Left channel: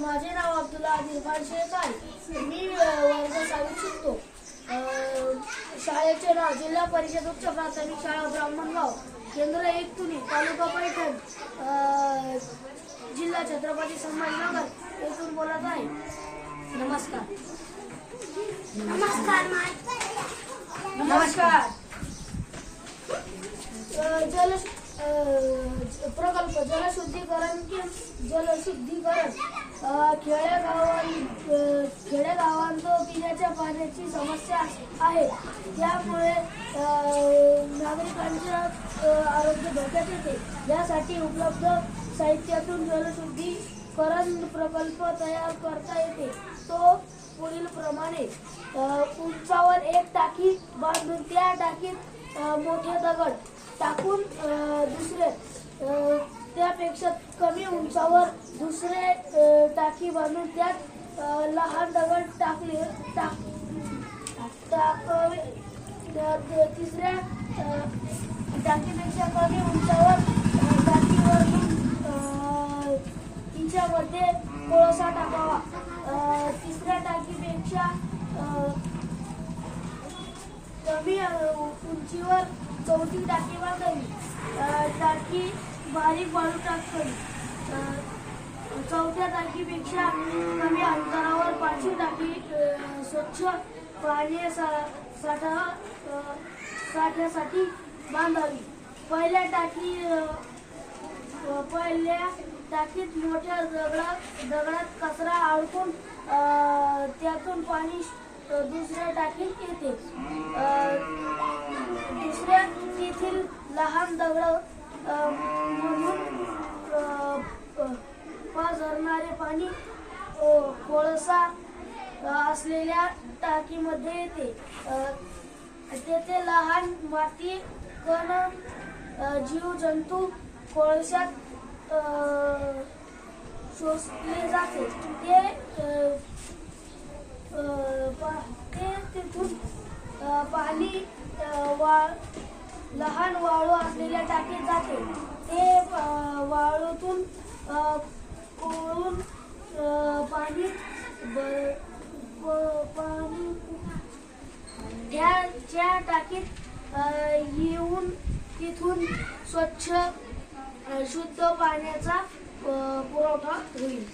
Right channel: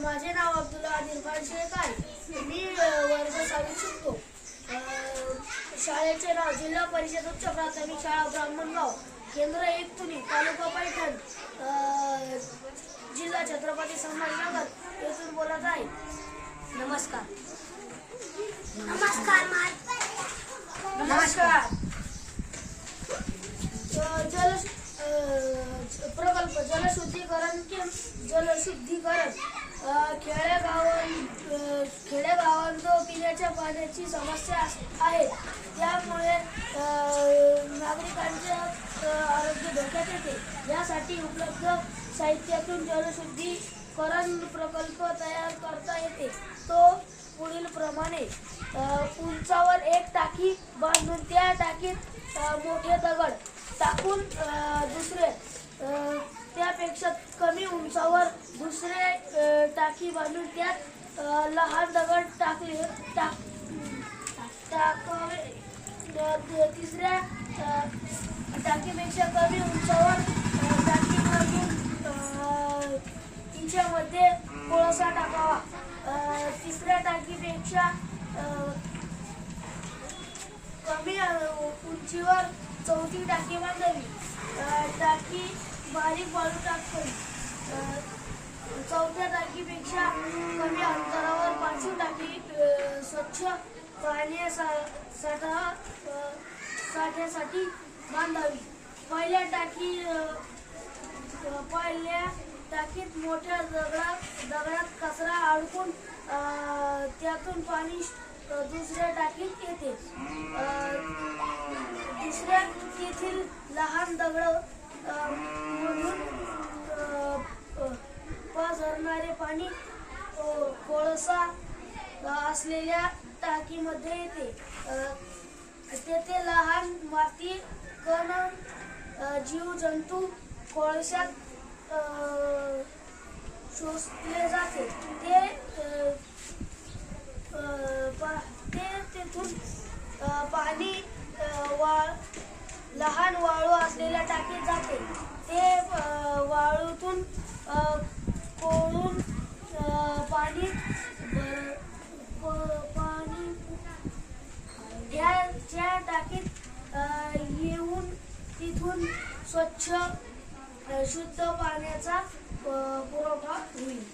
माझे नाव अब्दुल्ला आदिल खान शेख आहे। मी वर्ग 6वीत शिकतो। शाळेचे नाव जिल्हा परिषद उच्च प्राथमिक शाळा ब्राह्मणगाव, केंद्र 1 तुनी, तालुका पैठण, जिल्हा छत्रपती संभाजीनगर येथून बोलत आहे। नमस्कार। प्रकल्प जलशुद्धीकरण खेडेगावांत पिण्याच्या पाण्याची समस्या आहे। त्यामुळे नागरिकांचे आरोग्य धोक्यात येते। यासाठी उपलब्ध साहित्यातून जलशुद्धीकरण प्रकल्प तयार करता येते। तो पुढील प्रमाणे: उंचावर एक टाकी बांधून त्या टाकीत मोठे दगड टाकून त्यापेक्षा कमी उंचावर दुसरे टाकी बांधून त्यात लहान दगड टाकावे। तिसऱ्या टाकीपेक्षा कमी उंचावर टाकी बांधून तिच्यामध्ये कोळसा टाकावा। तिसऱ्या टाकीपेक्षा कमी उंचीवर चौथी टाकी बांधावी। टाकी बारीक वाळू टाकावी। चौथ्या टाकीपेक्षा कमी अंतरावर पाचवी टाकी स्वच्छ साठ्यासाठी बांधावी। पहिल्या टाकीत मोठ्या दगडात कचरा अडकून त्यातून पाणी दुसऱ्या टाकीत येते। दुसऱ्या तेथील लहान दगड म्हणून पसरणारे पाणी कोळसा असलेल्या टाकीमध्ये येते। तेथे लहान माती कण जीवजंतू कोळशात शोषले जाते। तेथून पाणी लहान वाळू असलेल्या टाकीत जाते। ते वाळूतून कोळून पाणी त्या टाकीत येऊन तिथून स्वच्छ शुद्ध पाण्याचा पुरवठा होईल।